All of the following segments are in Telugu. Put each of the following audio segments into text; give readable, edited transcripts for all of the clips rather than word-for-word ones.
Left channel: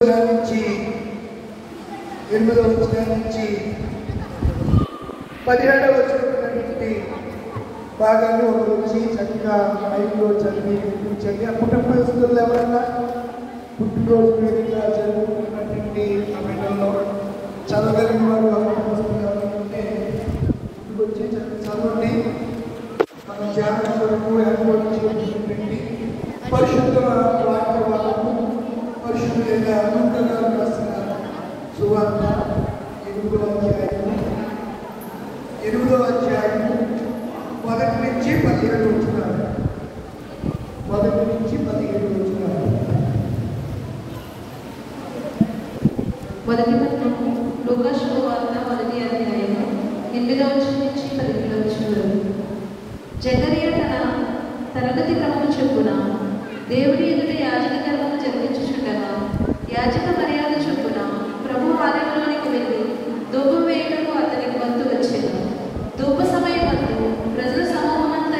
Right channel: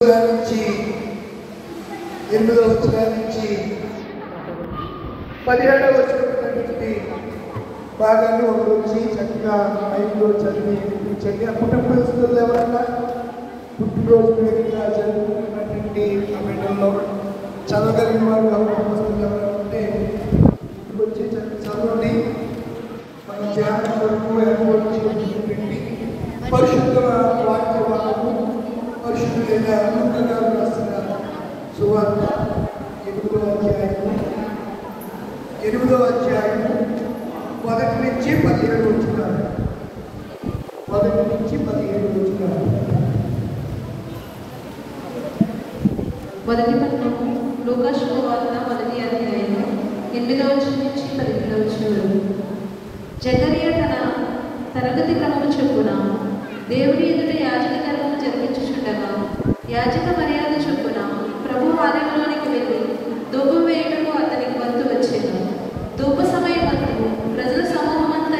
నుంచి 8వ వచనం నుంచి 17వ వచనం భాగాన్ని ఒక రోజు చక్కగా 5లో చదివి వినిపించండి. అప్పుడు పరిస్థితుల్లో ఎవరన్నా పుట్టినరోజు వేదికగా జరుగుతున్నటువంటి సమయంలో చదవగలిగిన వాళ్ళు ఉంటే వచ్చి చదవండి. మన ధ్యానం కొరకు ఏర్పాటు చేసినటువంటి పరిశుద్ధ వాక్యాలను పరిశుద్ధంగా అనంతగా రాసిన సువార్త 8వ అధ్యాయం 1 నుంచి 17 వచనాలు. 1 నుంచి 17 వచనాలు. మొదటి పట్టణం లూకా శుభవార్త 1వ అధ్యాయం 8వ వచనం నుంచి 17వ వచనం. జకరియా తన తరగతి క్రమం చొప్పున దేవుని ఎదుట యాజక కర్మం జరిపించుచుండగా యాజక మర్యాద చొప్పున ప్రభు ఆలయంలోనికి వెళ్ళి ధూపం వేయటకు అతనికి వంతు వచ్చేది. ధూప సమయమందు ప్రజల సమూహమంతా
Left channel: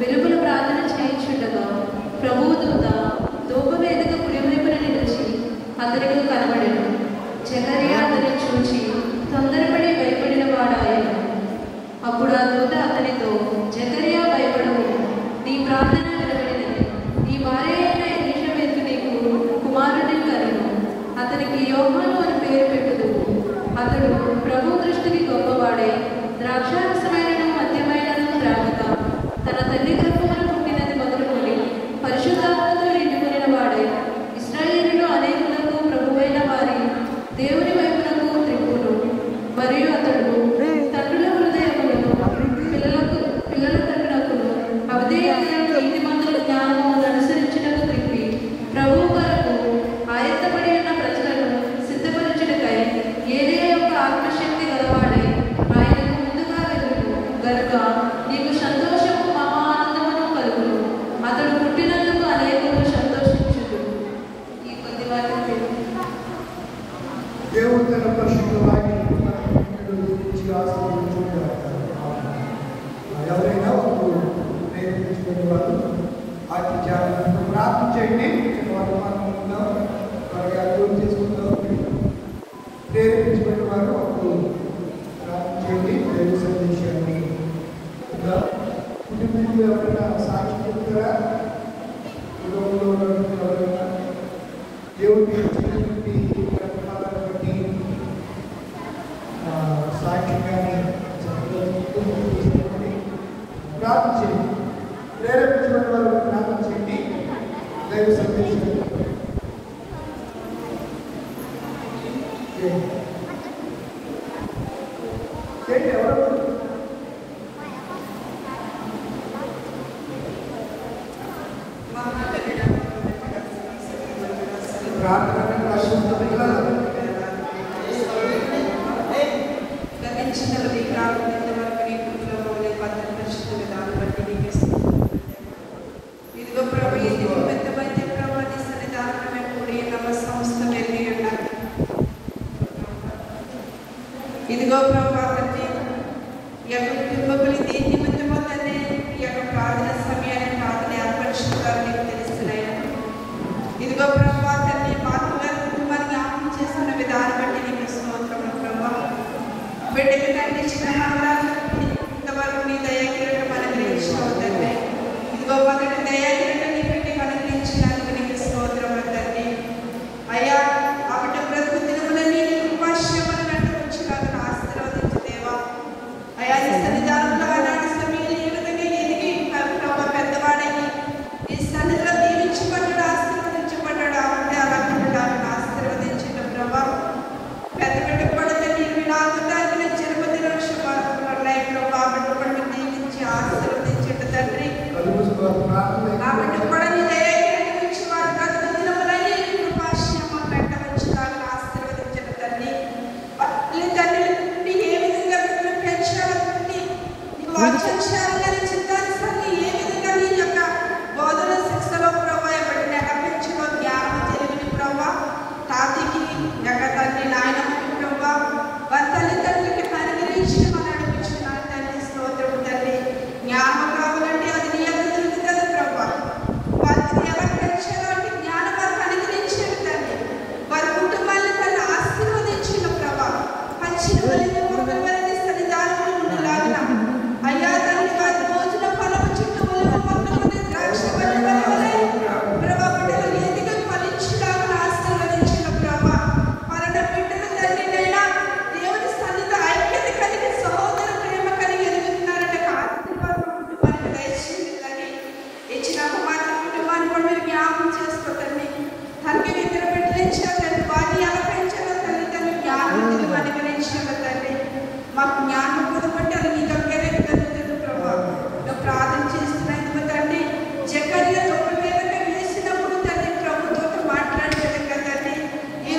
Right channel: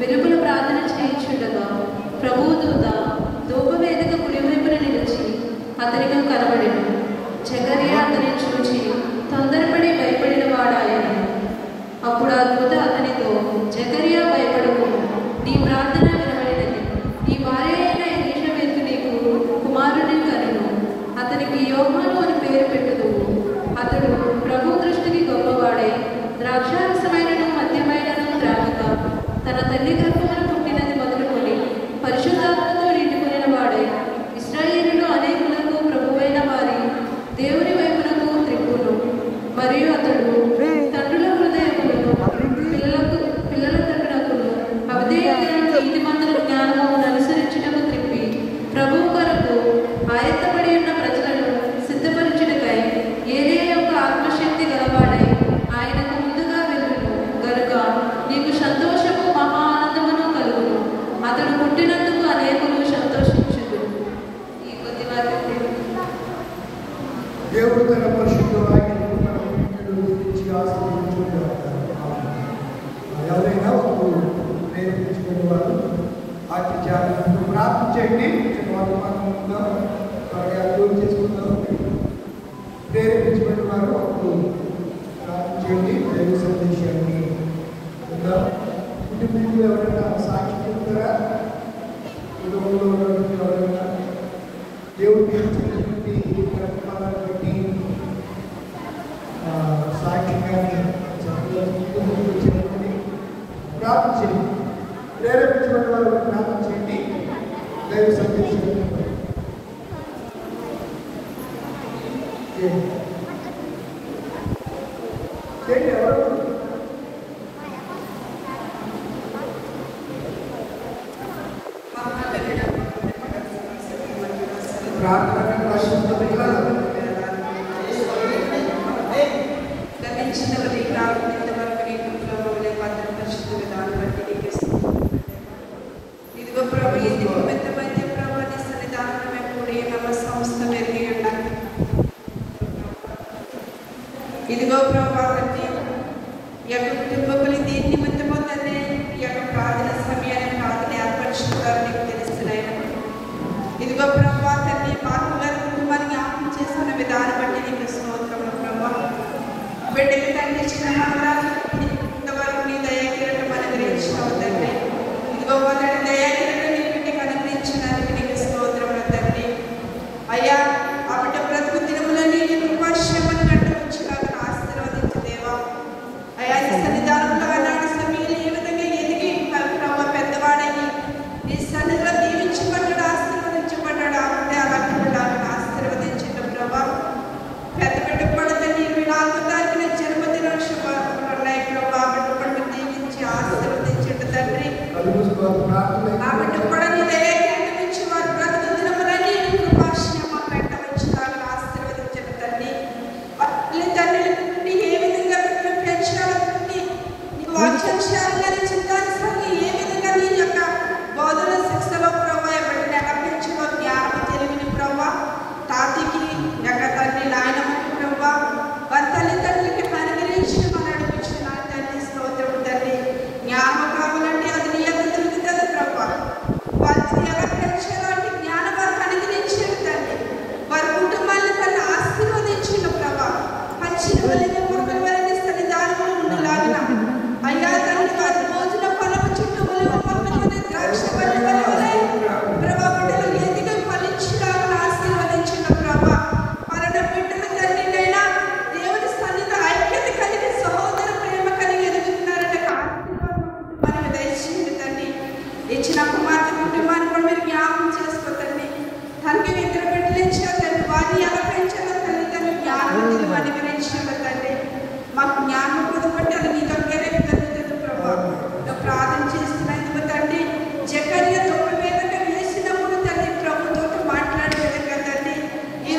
వెలుగుల ప్రార్థన చేయించుండగా ప్రభువు దూత ధూపవేదిక కుడివైపున నిలిచి అతనికి కనబడెను. జకరియా అతనిని చూచి తొందరపడి భయపడిన వాడాయన. అప్పుడు ఆ దూత అతనితో, జకరియా భయపడకు, నీ ప్రార్థన వినబడినది. నీ భార్య అయిన ఎలీషబెతు నీకు కుమారుడిని కనెను. అతనికి యోహాను అని పేరు పెట్టుదువు. అతడు ప్రభు దృష్టికి గొప్పవాడై ద్రాక్షారసమైనను మద్యమైనను త్రాగుట, తన తల్లి గర్భమున పుట్టినది మొదలుకొని పరిశుద్ధాత్మతో నిండిపోయిన వాడై ఇశ్రాయేలులో అనేకులకు ప్రభువైన వారి దేవుని వైపునకు త్రిప్పులు. మరియు అతడు తండ్రుల హృదయములను పిల్లల తండ్రులను అవిధేయతలను నీతిమంతుల జ్ఞానమును అనుసరించుటకు త్రిప్పి ప్రభువు కొరకు ఆయత్తపడి ఉన్న ప్రజలను సిద్ధపరచుటకై ఏలే యొక్క ఆత్మశక్తి గలవాడై ఆయనకు ముందుగా వెలుగును గనుక నీకు సంతోషము మహా ఆనందమును కలుగును. అతడు పుట్టినందుకు అనేకులు సంతోషించుదు. ఈ కొద్ది వాక్యం దేవుడు తన పరిశుద్ధ వాక్యాన్ని ఆశీర్వదించుగాక. ఎవరైనా నేర్పించుకునే వాళ్ళు వాటి ధ్యానం ప్రార్థన చేయండి. వాళ్ళు అర్థం చేసుకుంటారు. ప్రేరేపించుకునే వారు అప్పుడు ప్రార్థన చేయండి. దైవ సందేశాన్ని కుటుంబంలో ఎవరైనా సాక్షి చెప్తారా? ఎవరైనా దేవుడు చేసినటువంటి కార్యక్రమాలను బట్టి సాక్షి కానీ ప్రార్థన చేయండి. ప్రేరేపించిన వాళ్ళు ప్రార్థన చేయండి. దైవ సందేశం ఎవరు ఇదిగో ప్రభావతి ఎవరి కుటుంబని దేని నిమిత్తమో తండ్రి ఈ యొక్క ప్రార్థన సమయాన్ని ప్రార్థన ఏర్పరుచుకుంటారు మీకు తెలుస్తున్నాయి. ఇదిగో ప్రభావతి పాత్ర గారి కుటుంబాన్ని జ్ఞాపకం చేసుకున్న విధానం బట్టి నీకు స్తోత్రములు ప్రభా. బిడ్డలు తండ్రి ఇంతవరకు మీ దయాకిరణం అనుగ్రహించుకోవు తండ్రి. ఇదిగో మొదటి దయాకిరణం నీకు అనుగ్రహించడానికి నీకు స్తోత్రములు తండ్రి. అయ్యా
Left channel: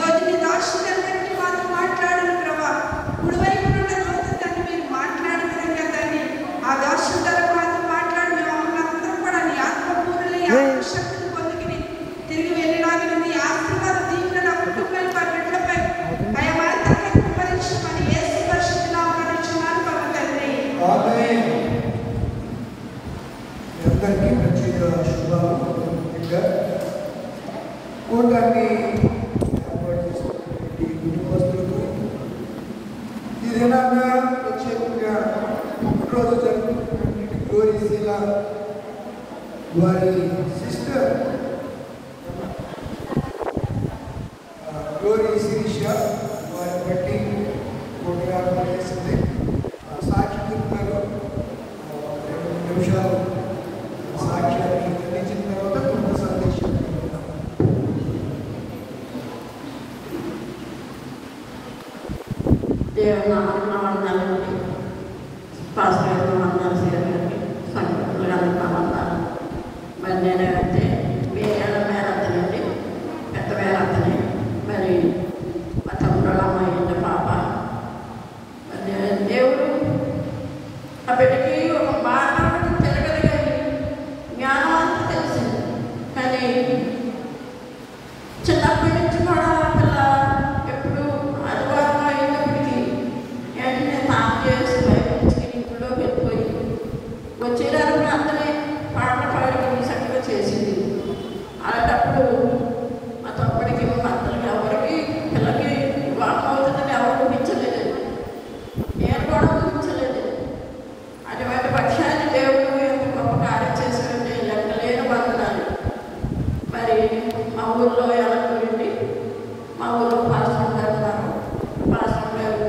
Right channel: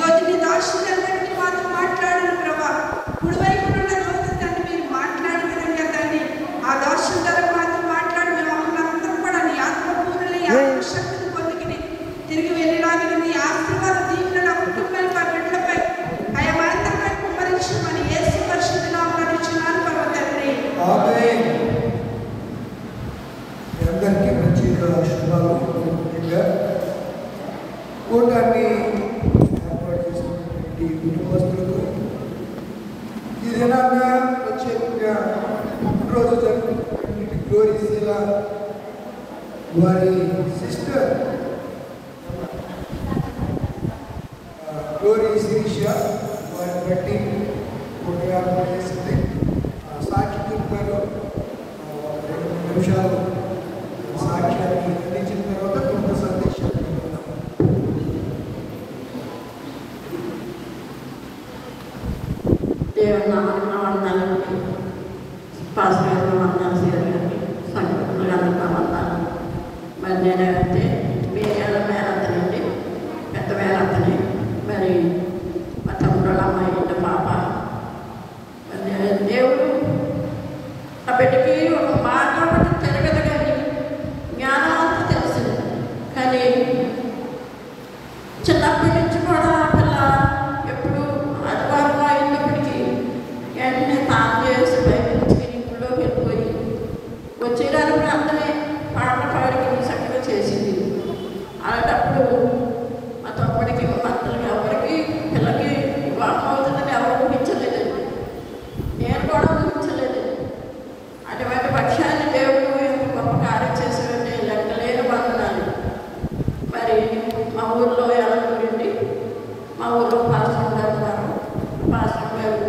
రోజు నీ దాసులందరికీ మాతో మాట్లాడను ప్రభా. కుడివైపు ఉన్న లోకతాన్ని మీరు మాట్లాడిన విధంగా తండ్రి ఆ దాసు ద్వారా మాతో మాట్లాడి మమ్మల్ని అందరూ కూడా నీ ఆత్మపూర్ణులు ఈ ఆత్మశక్తిని పొందుకుని తిరిగి వెళ్ళినాగిన నీ ఆశీర్వాద దీవులను కుటుంబాలపై బిడ్డలపై భయమాత్రపై కుమ్మరించమని యేసు పరిశుద్ధ నామమున నిచ్చున్నాను ప్రభు తండ్రి. ఆమేన్. అందరికీ ప్రత్యేక శుభాలు. ముఖ్యంగా కూటాన్ని ఏర్పాటు చేసినటువంటి కుటుంబస్తులకు ఈ దినాన్ని ప్రత్యేకంగా పుట్టినరోజు జరుపుకున్నటువంటి గ్లోరీశీల వారి సిస్టర్ గ్లోరీ శిరీష వారిని బట్టి ప్రోగ్రాం చేసింది. సాక్షి చెప్పారు 2 నిమిషాలు సాక్ష్యాన్ని అందించిన తర్వాత కుటుంబ సందేశం. దేవనామానికి పాస్టర్ సంఘటనలు మరి నేనంటే మేరేళ్ళ మేరత్తనండి, పెద్ద మేరత్తని. మరి మా తమ్ముడు అమ్మాయి పాప. దేవుడు ఆ బిడ్డకి ఒక మాట తెలియదు కానీ జ్ఞానం తెలిసింది. కానీ చిన్నప్పటి నుంచి కూడా పిల్ల ఎప్పుడు అదివారం అయినప్పటికీ వెంటనే తాను చేసి బయటికి ఇంట్లో వెళ్ళిపోయి వచ్చేదానికి అందరినీ పాటలు పాడి చక్కగా చేసింది. అలాంటప్పుడు మా తమ్ముడికి భర్తలకి ఎవరికి పిల్లకి వివాహం అవుతుందని ఎవరు ఊహించలేదు. నేను కూడా ఊహించలేదు. అటువంటి పక్షాన్ని దేవుడు ఎంత గొప్ప కార్యం చేశాడంటే లెక్కలేని బంధనాలు. మరి మా ఊళ్ళో ఎవరి మా ఊళ్ళో పాస్టర్ గారు ఉన్నారు. పాస్టర్ గారు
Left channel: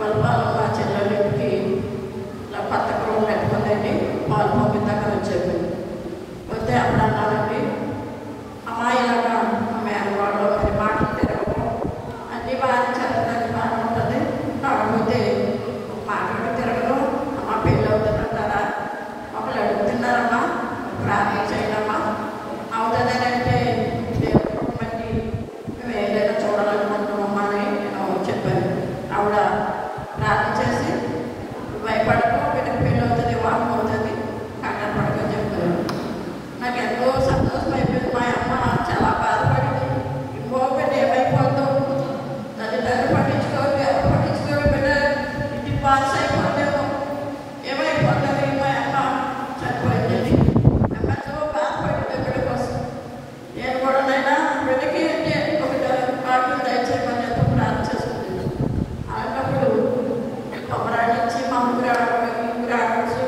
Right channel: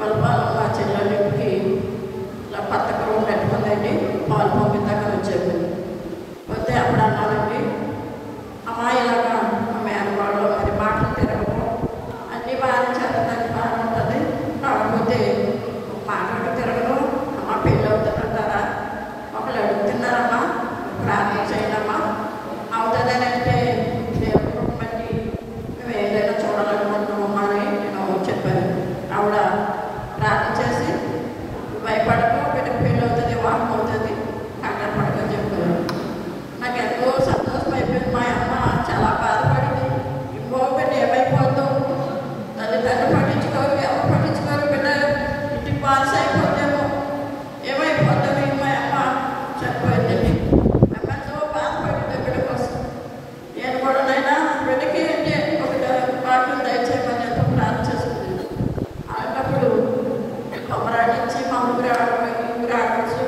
వాళ్ళ మా చెల్లెళ్ళకి పథకం పెట్టుకుందండి. వాళ్ళు పంపిద్దాకా వచ్చేది. వస్తే అప్పుడు అన్నారండి, అమ్మాయిలాగా మా మేనవాళ్ళు మరి మాటలు తిరగడం అన్నీ బాగా చదవడానికి బాగా ఉంటుంది. కాకపోతే మాటలు తిరగడం మా పెళ్ళి అవుతుంటారా ఒకళ్ళు అడుగుతున్నారమ్మా ప్రార్థన చేయడమ్మా అవుతుందని అంటే దేవుడి మేము ఏదైనా చూడాలనుకుంటున్నామా అని చెప్పారు. ఆవిడ ప్రార్థన చేసి భయపడకు, బిడ్డకు పెళ్ళి అవుతుంది, వివాహం అవుతుంది, కంగారు పడకని చెప్పారు. నాకు ఎంతో సంతోషం అయిపోయింది. మా అమ్మ చాలా బాధపడింది. ఇంకొకటి ఏమైపోతావు తల్లిదండ్రులు పట్టించుకోరు, ఎవరు పట్టించుకోరు, బిడ్డ ఇంటికి పాస్ అయిపోతాము, ఏమైపోతావు. మా అమ్మ చనిపోయిందండి. అమ్మ ఎంతో బాధపడింది బిడ్డ కోసం. నేను కూడా నైనా బిడ్డకి అంటే ఒక భాగ్యం దయచేయమని ప్రార్థన చేస్తుంది. అలాంటప్పుడు తొమరాడి నుంచి మా ఊరు ఆడవచ్చు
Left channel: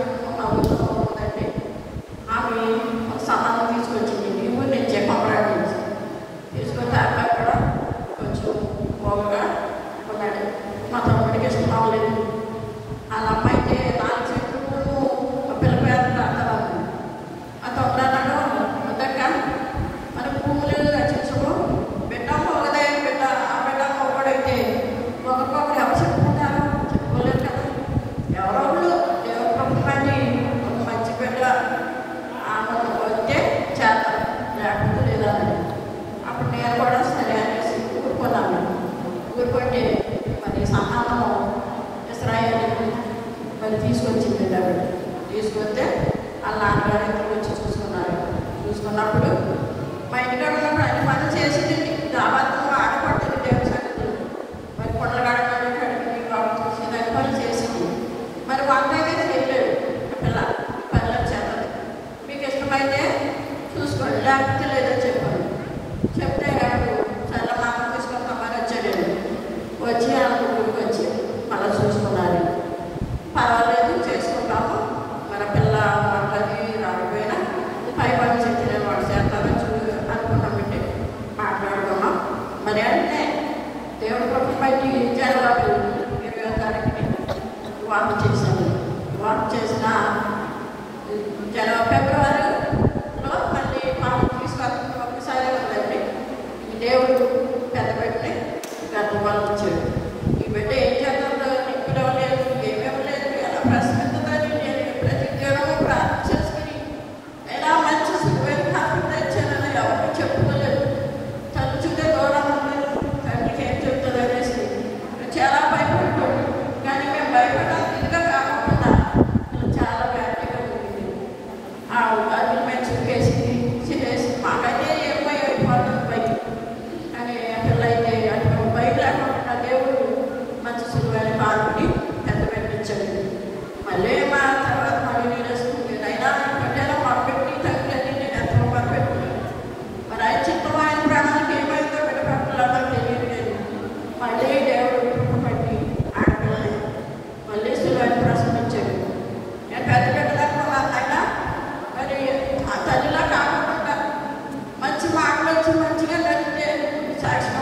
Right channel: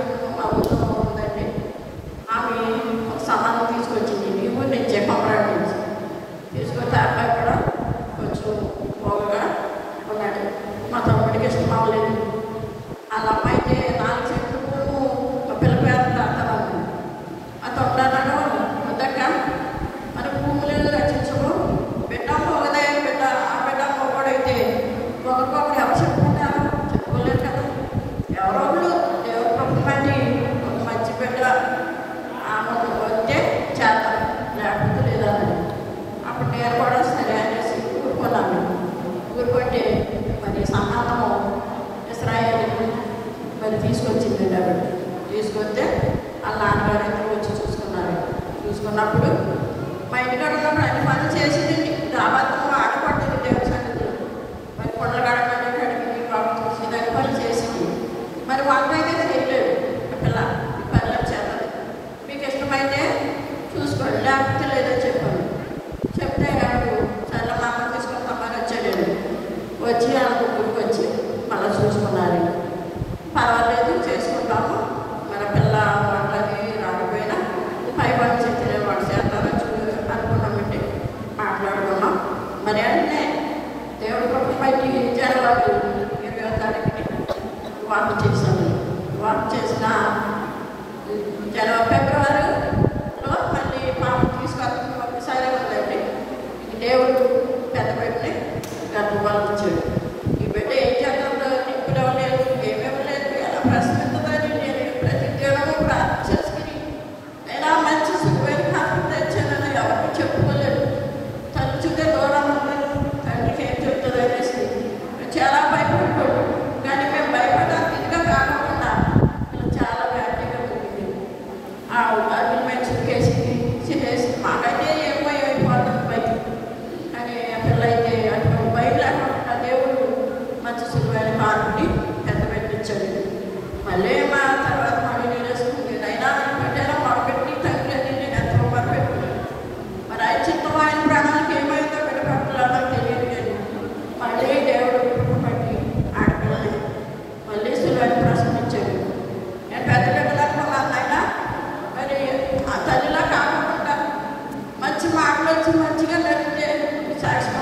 ఉందండి. ఆమె ఒక సమానం తీసుకొచ్చింది. ఈ ఊరు నుంచే కొమరాడి నుంచి తీసుకొస్తే అక్కడ కూడా కొంచెం పోగా ఉన్నాడు. మా తమ్ముడికి ఇష్టం అవ్వలేదు. అలా అయితే 4 చెట్లు పిల్ల పేదలు అర్థమవుతుంది. ఆ తమ్ముడు అన్నాడు, వద్దక్క మన భూములను రచించు, బిడ్డ పోగదే బిడ్డ ఆ బిడ్డ పోగడైతే ఒకరికొకరు ఎవరు చెప్పుకుంటారు, చెప్పుకోలేరు కదా. ఎవరు ప్రభుత్వాన్ని ఒక మంచి బిడ్డ వస్తే చేస్తారు, లేకపోతే లేదా. అప్పుడు నేను కూడా సరే అనేసి ఊరుకున్నాను. ఊరుకుంటే మరి సమానం ఇస్రాయేల్ మరి తీసుకొచ్చింది. ఆవిడ తీసుకొస్తే వాళ్ళ నాన్నగారు వచ్చి చూసుకున్నారు. చూసుకున్నప్పుడు మా ఇంటికాడ అన్ని పనులు చేసింది. అబద్ధం ఆడపడుతుంది దేవుడి సంగతి. మరి కొండగాడ కడిగింది, కావాలి పనులు చేసింది. మరి వాళ్ళపై కదా వెళ్ళాడు పిల్ల పనులు చేస్తుంది. మీకు ఇష్టమైతే చూసుకోండి, లేకపోతే లేదని చెప్పాను. చెప్తే కాబట్టి చాలా నాకు తీసుకొస్తామని వచ్చాడు. వచ్చి ఆ ఊరికి వచ్చి మళ్ళీ చూసుకున్నారు. పర్వాలేదు చేసుకుంటాము, మన పిల్ల మాట్లాడి రాకపోయినా పై పని చెప్పి వాడు చేస్తాను అనుకుంటాం పెట్టి మాట్లాడుకున్నాం. మరి అంటే దేవుడు పైకి జనవరి 20వ తారీఖుని వాక్ చేశాను. వాక్ చేసిన ఫిబ్రవరిలో మళ్ళీ పాప తీసుకొని ఒక్కసారి ఉందండి. దేవుడు పెద్ద పెట్టి గర్భంగా వచ్చాడు. ఈ బిడ్డ ఏం చేస్తుందో ఇంట్లో లేదు, ఏమేమి లేదు, ఎలా ప్రశ్నిస్తుందని నేను ప్రతి దినము ప్రార్థన చేసుకుని ఎలా మంచి సుఖమైన కాకుండా తెచ్చానని ఎవరికి చెప్పుకోలేదు. తలుచుంటే దూరం సాక్షి